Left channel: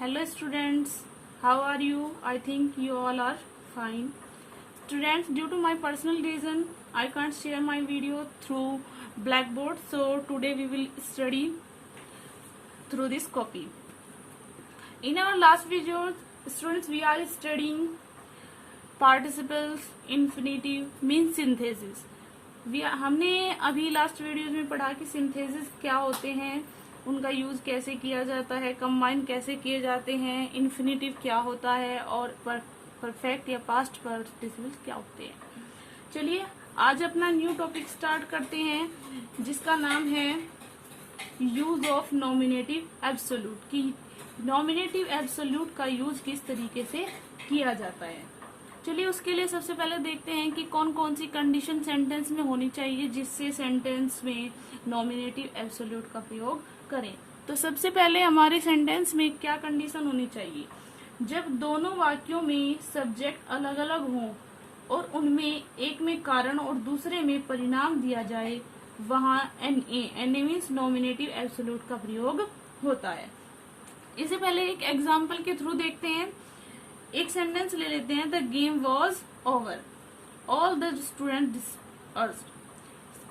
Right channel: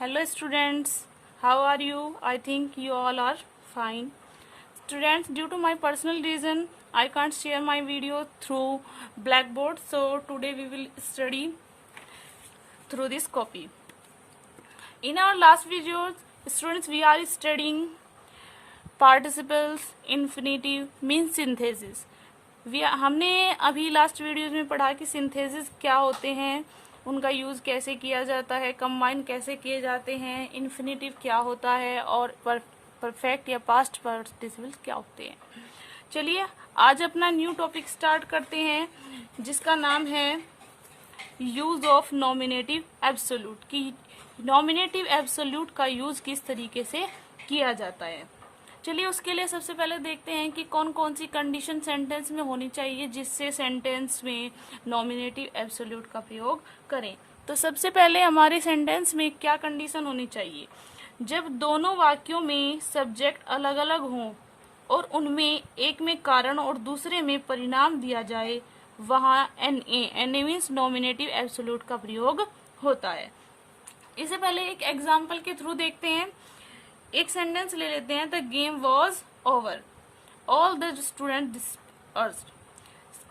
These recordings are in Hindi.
Hello students, how are you? I think you all are fine. Students, due to my personal reason, I can't share my video through Blackboard, so today we will study through this copy. In our last video, students, we are studying participles, infinitive, mean synthesis. हमने अभी लास्ट वीडियोज में पढ़ा कि सिंथेसिस क्या होते हैं, उनका यूज कैसे किया जाता है, कंबाइन कैसे किए जाते हैं, इन्फिनेटिव क्या होता है और परफेक्ट या पास्ट पार्टिसिपल्स क्या होते हैं। चलिए आज अपना न्यू टॉपिक स्टार्ट करते हैं जिसका नाम है यूज ऑफ नॉमिनेटिव एब्सोल्यूट, कि नॉमिनेटिव एब्सोल्यूट का यूज किस तरीके से किया जाता है। चलिए उसके लिए सबसे पहले देखते हैं कि कौन कौन सी कंडीशन सेंटेंस में होनी चाहिए जिससे सेंटेंस में नॉमिनेटिव एब्सोल्यूट का प्रयोग करें। तो सबसे पहले हमारे सेंटेंस में क्या कंडीशन होनी चाहिए, जब दोनों वाक्यों में सब्जेक्ट अलग अलग हों और उनमें एक में कारण और दूसरे में परिणाम दिया जाए, वहां NA मीन्स नॉमिनेटिव एब्सोल्यूट का प्रयोग होता है। इससे पहले एक एग्जाम्पल के थ्रू देखते हैं। एक सेंटेंस ले लेते हैं, the game was over, all the student dispersed.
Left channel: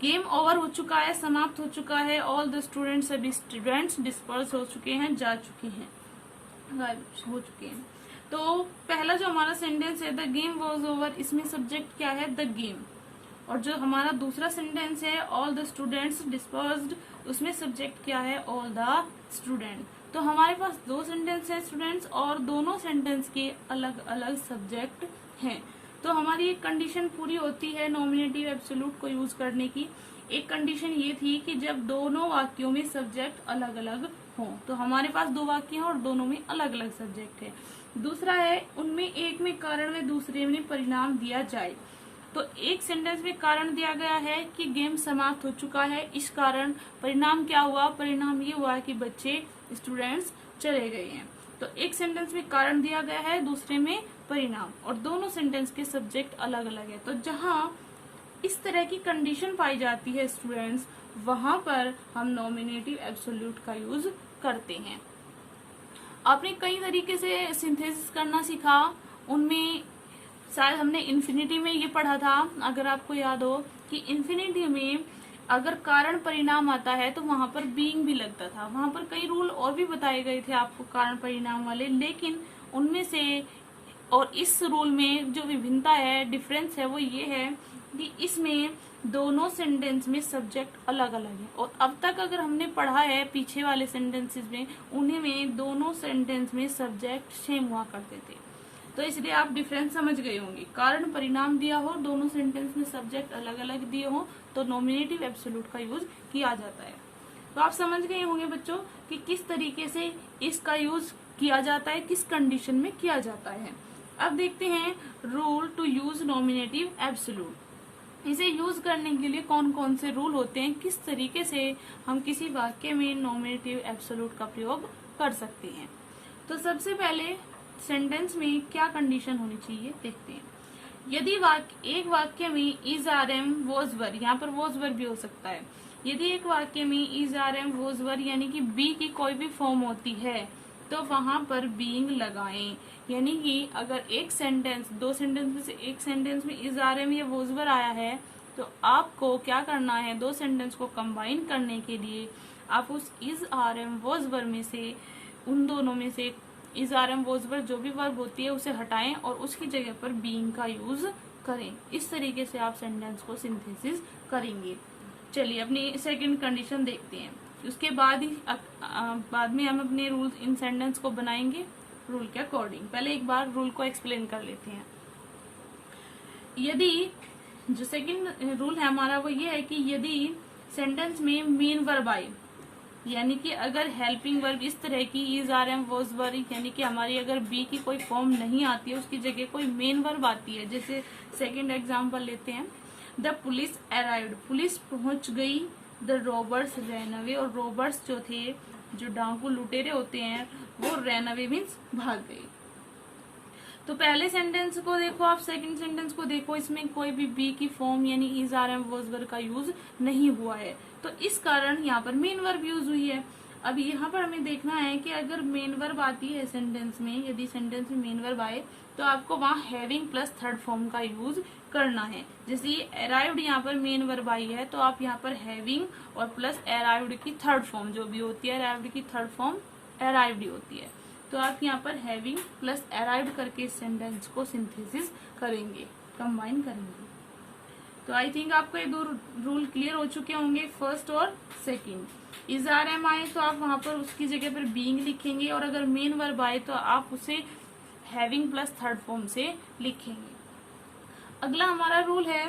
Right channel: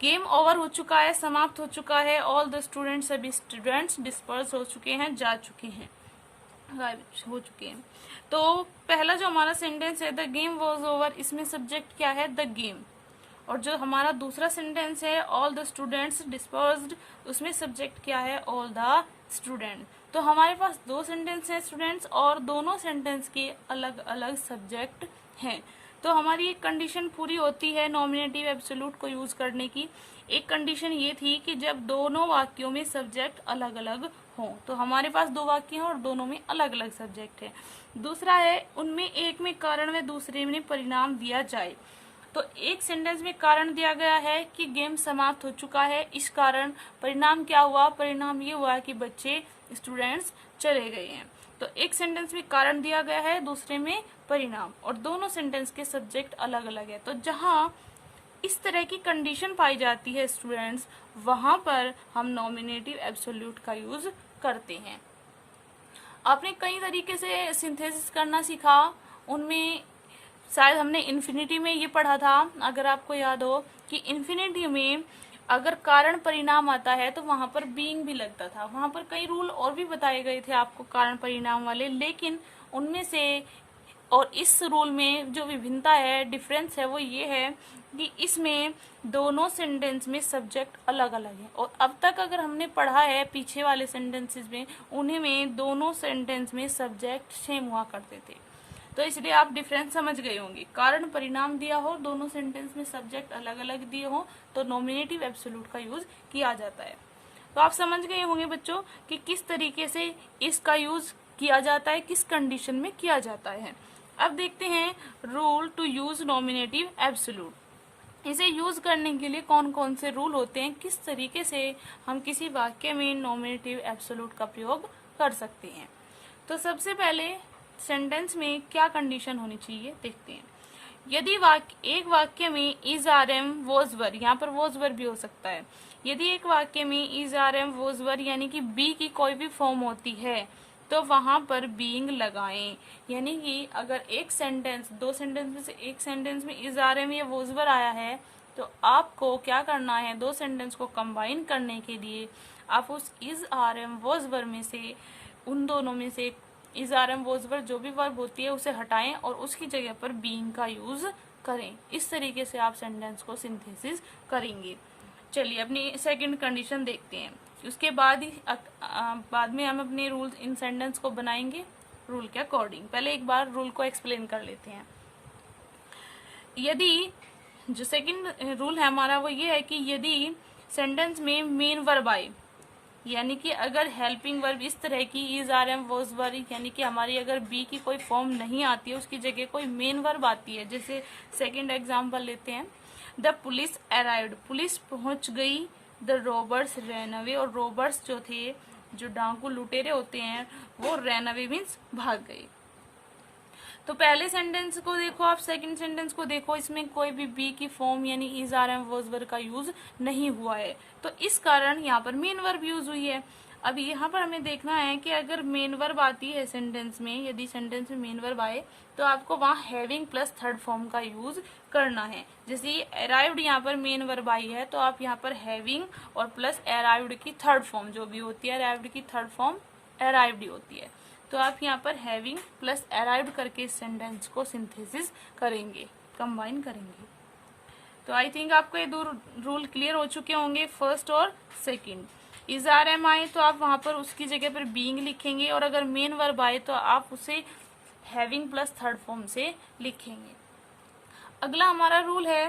Game over हो चुका है, समाप्त हो चुका है, ऑल द स्टूडेंट्स, सभी स्टूडेंट्स डिस्पर्स हो चुके हैं, जा चुके हैं, गायब हो चुके हैं। तो पहला जो हमारा सेंटेंस है द गेम वॉज ओवर, इसमें सब्जेक्ट क्या है, द गेम। और जो हमारा दूसरा सेंटेंस है ऑल द स्टूडेंट्स डिस्पर्स्ड, उसमें सब्जेक्ट क्या है, ऑल द स्टूडेंट। तो हमारे पास दो सेंटेंस हैं स्टूडेंट्स और दोनों सेंटेंस के अलग अलग सब्जेक्ट हैं। तो हमारी एक कंडीशन पूरी होती है नॉमिनेटिव एब्सोल्यूट को यूज करने की। एक कंडीशन ये थी कि जब दोनों वाक्यों में सब्जेक्ट अलग अलग हों, तो हमारे पास दो वाक्य हैं और दोनों में अलग अलग सब्जेक्ट है। दूसरा है उनमें एक में कारण व दूसरे में परिणाम दिया जाए। तो एक सेंटेंस में कारण दिया गया है कि गेम समाप्त हो चुका है, इस कारण परिणाम क्या हुआ, परिणाम ये हुआ कि बच्चे स्टूडेंट्स चले गए हैं। तो एक सेंटेंस में कारण दिया गया है, दूसरे में परिणाम, और दोनों सेंटेंस के सब्जेक्ट अलग अलग है। तो जहां इस तरह की कंडीशन पाई जाती है स्टूडेंट्स, वहां पर हम नॉमिनेटिव एब्सोल्यूट का यूज करते हैं। आपने कई तरीके से सिंथेसिस करना सीखा, उनमें शायद हमने इन्फिनिटी में ये पढ़ा था, अगर आपको याद हो कि इन्फिनिटी में अगर कारण परिणाम आता है तो वहां पर बीइंग भी लगता था। वहां पर कई रूल और भी बताए गए थे आपको कारण परिणाम वाले, लेकिन उनमें से और इस रूल में जो विभिन्नता है, डिफरेंस है, वो ये है कि इसमें दोनों सेंटेंस में सब्जेक्ट अलग अलग है। और अब तक अगर हमने पढ़ा है पीछे वाले सेंटेंसेस में, उन्हीं में दोनों सेंटेंस में सब्जेक्ट सेम हुआ करते थे। तो इसलिए आप डिफरेंस समझ गए होंगे। कारण परिणाम दिया हो, दोनों सेंटेंस में सब्जेक्ट अलग अलग दिए हो, तो नॉमिनेटिव एब्सोल्यूट का यूज किया जाता है। तो आप समझ गए होंगे बच्चों कि किस तरीके से इसका यूज किया जाता है, किस कंडीशन में किया जाता है। अब देखते हैं rule to use nominative absolute. इसे यूज करने के लिए कौन कौन से रूल होते हैं, किस तरीके से हम किसी वाक्य में नॉमिनेटिव एब्सोल्यूट का प्रयोग कर सकते हैं। तो सबसे पहले सेंटेंस में क्या कंडीशन होनी चाहिए देखते हैं। यदि एक वाक्य में is are am was were, यहाँ पर वॉज वर भी हो सकता है। यदि एक वाक्य में is are am was were यानी कि बी की कोई भी फॉर्म होती है तो वहां पर बीइंग लगाएं। यानी कि अगर एक सेंटेंस, दो सेंटेंस में से एक सेंटेंस में इज आर एम या वॉज वर आया है, तो आपको क्या करना है, दो सेंटेंस को कंबाइन करने के लिए आप उस is are am was were में से, उन दोनों में से is are am was were जो भी वर्ब होती है उसे हटाएं और उसकी जगह पर बीइंग का यूज करें। इस तरीके से आप सेंटेंस को सिंथेसिस करेंगे। चलिए अपनी सेकंड कंडीशन देखते हैं। उसके बाद में हम अपने रूल इन सेंटेंस को बनाएंगे रूल के अकॉर्डिंग। पहले एक बार रूल को एक्सप्लेन कर लेते हैं। यदि जो सेकंड रूल है हमारा वो ये है कि यदि सेंटेंस में मेन वर्ब आए, यानी कि अगर हेल्पिंग वर्ब इस तरह की is are am was were, यानी कि हमारी अगर बी की कोई फॉर्म नहीं आती है, उसकी जगह कोई मेन वर्ब आती है। जैसे सेकंड एग्जांपल लेते हैं, द पुलिस अराइव्ड, पुलिस पहुंच गई, द रॉबर्स रैन अवे, और रॉबर्स जो थे, जो डाकू लुटेरे होते हैं, वो रैन अवे मीन्स भाग गए। तो पहले सेंटेंस को देखो आप, सेकंड सेंटेंस को देखो, इसमें कोई भी बी की फॉर्म यानी is are am was were का यूज नहीं हुआ है, तो इस कारण यहाँ पर मेन वर्ब यूज हुई है। अब यहाँ पर हमें देखना है कि अगर मेन वर्ब आती है सेंटेंस में, यदि सेंटेंस में मेन वर्ब आए तो आपको वहाँ हैविंग प्लस थर्ड फॉर्म का यूज करना है। जैसे अराइव्ड यहाँ पर मेन वर्ब आई है तो आप यहाँ पर हैविंग और प्लस अराइव्ड की थर्ड फॉर्म जो भी होती है, अराइव्ड की थर्ड फॉर्म अराइव्ड ही होती है, तो आप यहाँ पर हैविंग प्लस अराइव्ड करके इस सेंटेंस को सिंथेसिस करेंगे, कंबाइन करेंगे। तो आई थिंक आपको ये दो रूल क्लियर हो चुके होंगे, फर्स्ट और सेकंड। इज आर एम आए तो आप वहां पर उसकी जगह पर बीइंग लिखेंगे, और अगर मेन वर्ब आए तो आप उसे हैविंग प्लस थर्ड फॉर्म से लिखेंगे। अगला हमारा रूल है,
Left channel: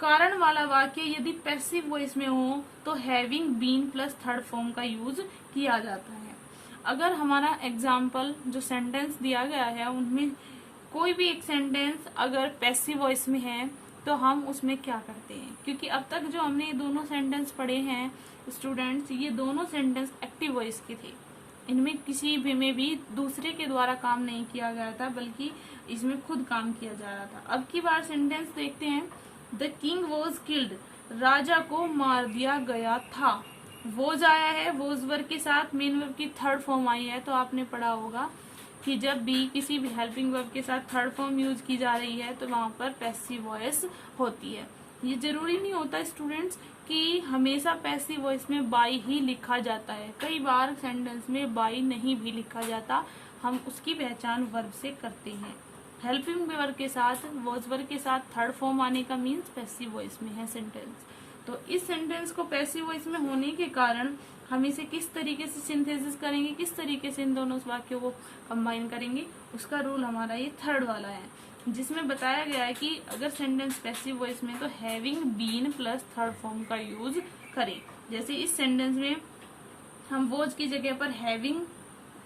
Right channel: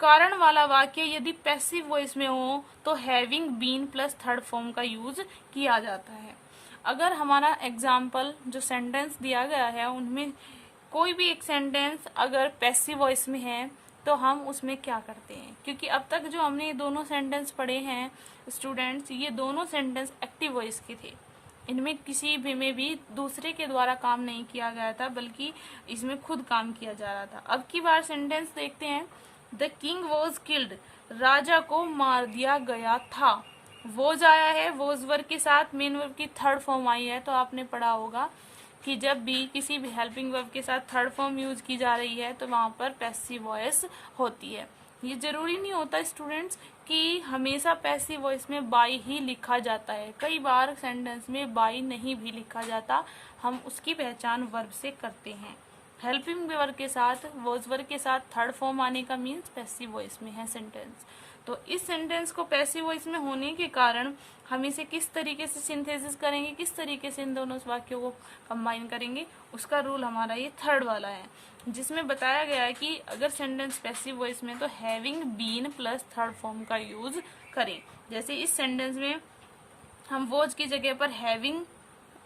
कारण वाला वाक्य यदि पैसिव वॉइस में हो तो having been plus third form का यूज किया जाता है। अगर हमारा एग्जाम्पल जो सेंटेंस दिया गया है उनमें कोई भी एक सेंटेंस अगर पैसिव वॉइस में है तो हम उसमें क्या करते हैं, क्योंकि अब तक जो हमने ये दोनों सेंटेंस पढ़े हैं स्टूडेंट्स, ये दोनों सेंटेंस एक्टिव वॉइस के थे। इनमें किसी भी में भी दूसरे के द्वारा काम नहीं किया गया था, बल्कि इसमें खुद काम किया जा रहा था। अब की बार सेंटेंस देखते हैं, द किंग वॉज किल्ड, राजा को मार दिया गया था। वॉज आया है, वॉज वर्ब के साथ मेन वर्ब की थर्ड फॉर्म आई है, तो आपने पढ़ा होगा कि जब भी किसी भी हेल्पिंग वर्ब के साथ थर्ड फॉर्म यूज की जा रही है तो वहां पर पैसिव वॉइस होती है। ये जरूरी नहीं होता स्टूडेंट्स कि हमेशा पैसिव वॉइस में बाई ही लिखा जाता है, कई बार सेंटेंस में बाई नहीं भी लिखा जाता, हम उसकी पहचान वर्ब से करते हैं। हेल्पिंग वर्ब के साथ वॉज वर्ब के साथ थर्ड फॉर्म आने का मीन्स पैसिव वॉइस में है सेंटेंस। तो इस सेंटेंस को पैसिव वॉइस में होने के कारण हम इसे किस तरीके से सिंथेसिस करेंगे, किस तरीके से इन दोनों वाक्यों को कंबाइन करेंगे, उसका रूल हमारा ये थर्ड वाला है, जिसमें बताया गया है कि अगर सेंटेंस पैसिव वॉइस में तो having been plus third form का यूज करें। जैसे इस सेंटेंस में हम वॉज की जगह पर हैविंग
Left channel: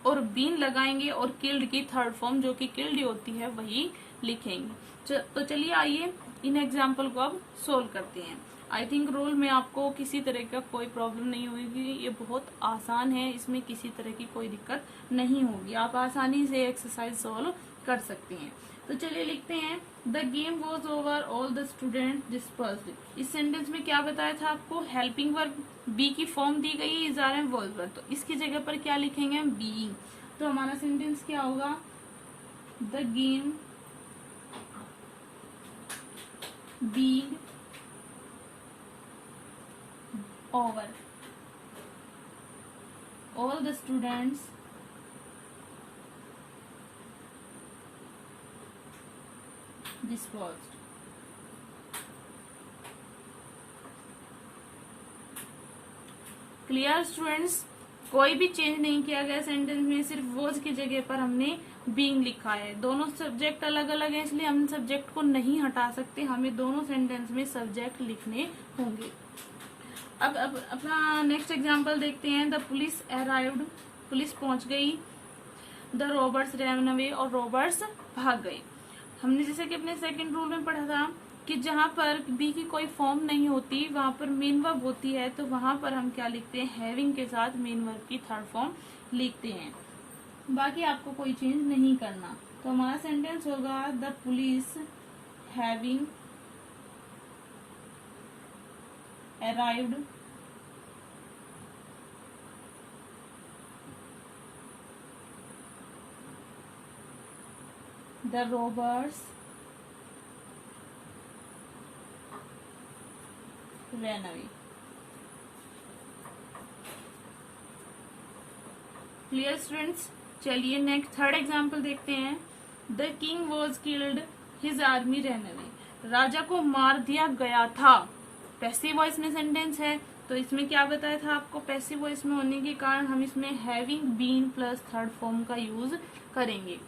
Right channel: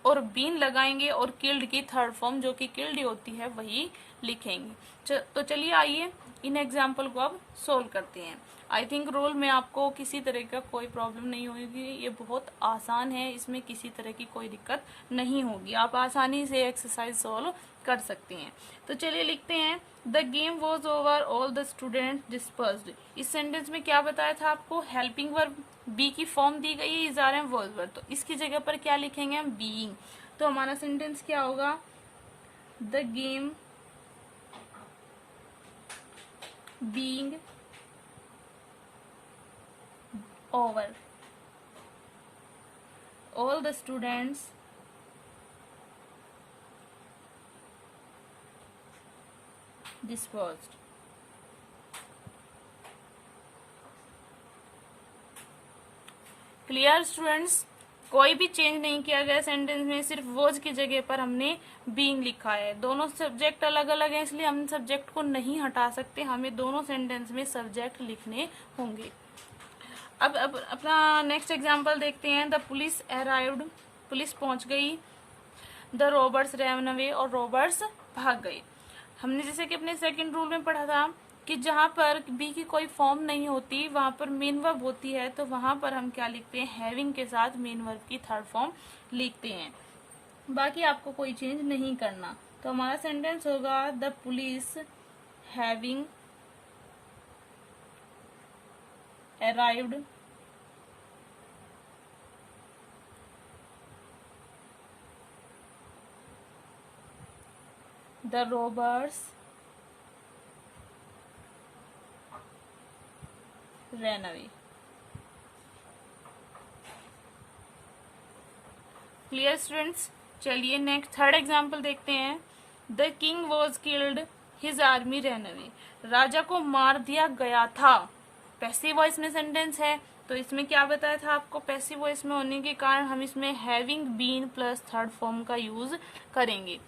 और बीन लगाएंगे और किल्ड की थर्ड फॉर्म जो कि किल्ड होती है वही लिखेंगे। तो चलिए आइए इन एग्जाम्पल को अब सोल्व करते हैं। आई थिंक रूल में आपको किसी तरह का कोई प्रॉब्लम नहीं होगी, ये बहुत आसान है, इसमें किसी तरह की कोई दिक्कत नहीं होगी, आप आसानी से एक्सरसाइज सोल्व कर सकती हैं। तो चलिए लिखते हैं, the game was over, all the student dispersed. इस सेंटेंस में क्या बताया था आपको, हेल्पिंग वर्ब बी की फॉर्म दी गई है, is are am was verb, तो इसकी जगह पर क्या लिखेंगे हम, बीइंग। तो हमारा सेंटेंस क्या होगा, the game being over, all the students dispersed। Clear students, कोई भी चेंज नहीं किया गया सेंटेंस में, सिर्फ वॉज की जगह पर हमने बीइंग लिखा है। दोनों सब्जेक्ट अलग अलग हैं इसलिए हम सब्जेक्ट को नहीं हटा सकते, हमें दोनों सेंटेंस में सब्जेक्ट लिखने होंगे। अब अपना नेक्स्ट एग्जाम्पल देखते हैं, द पुलिस अराइव्ड, पुलिस पहुंच गई, द रॉबर्स रैन अवे, और रॉबर्स भाग गए। हमने जैसे कि अपने सेकंड रूल में पढ़ा था कि जहां पर बी की कोई फॉर्म नहीं होती वहां पर मेन वर्ब होती है, तो वहां पर हम क्या लिखते हैं, हैविंग के साथ मेन वर्ब की थर्ड फॉर्म लिखते हैं। बाकी आपको कोई चेंज नहीं करना। तो हमारा सेंटेंस होगा, the police having arrived the robbers ran away। Clear students, चलिए नेक्स्ट थर्ड एग्जाम्पल देखते हैं, the king was killed, his army ran away, राजा को मार दिया गया था। पैसिव वॉइस में सेंटेंस है तो इसमें क्या बताया था आपको, पैसिव वॉइस में होने के कारण हम इसमें having been plus third form का यूज करेंगे।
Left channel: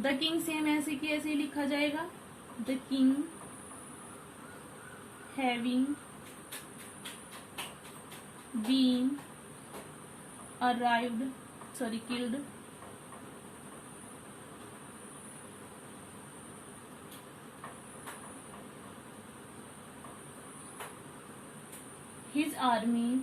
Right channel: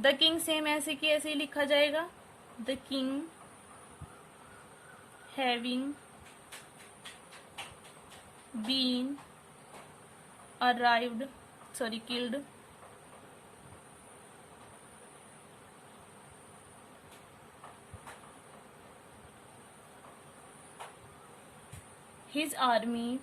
द किंग सेम ऐसे की ऐसे ही लिखा जाएगा, the king having been arrived killed his army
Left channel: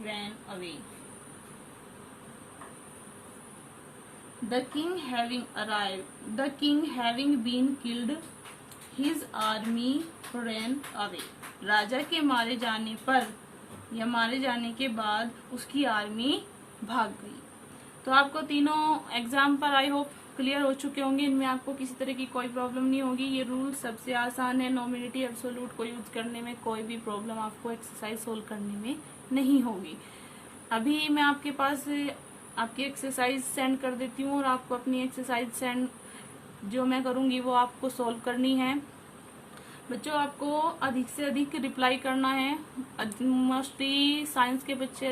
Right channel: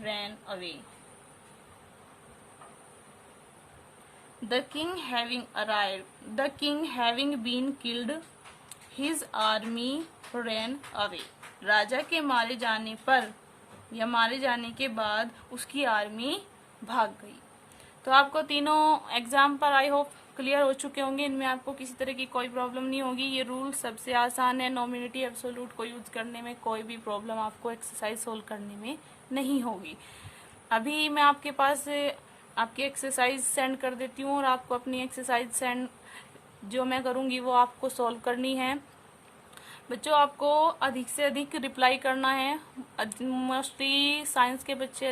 ran away। The king having arrived, the king having been killed, his army ran away. राजा के मारे जाने पर या मारे जाने के बाद उसकी आर्मी भाग गई। तो आपको तीनों एग्जाम पर आई होप क्लियर हो चुके होंगे। इनमें आपको किसी तरह की कोई प्रॉब्लम नहीं होगी। ये रूल सबसे आसान है। नॉमिनेटिव एब्सोल्यूट को यूज करने में कोई भी प्रॉब्लम आपको एक्सरसाइज सोल्व करने में नहीं होगी। अभी मैं आपके पास आपकी एक्सरसाइज सेंड कर देती हूँ और आपको अपनी एक्सरसाइज सेंड जो मैं करूँगी वो आपको सोल्व करनी है। बच्चों आपको अधिक से अधिक रिप्लाई करना है। मोस्टली साइंस के बच्चे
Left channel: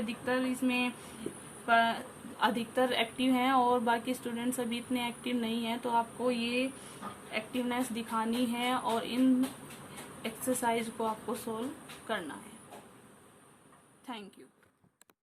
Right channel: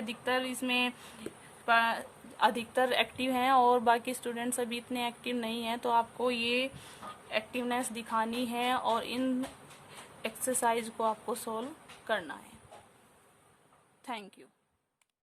अधिकतर एक्टिव हैं और बाकी स्टूडेंट्स अभी इतने एक्टिव नहीं हैं। तो आपको ये एक्टिवनेस दिखानी है और इन एक्सरसाइज को आपको सोल्व करना है। Thank you.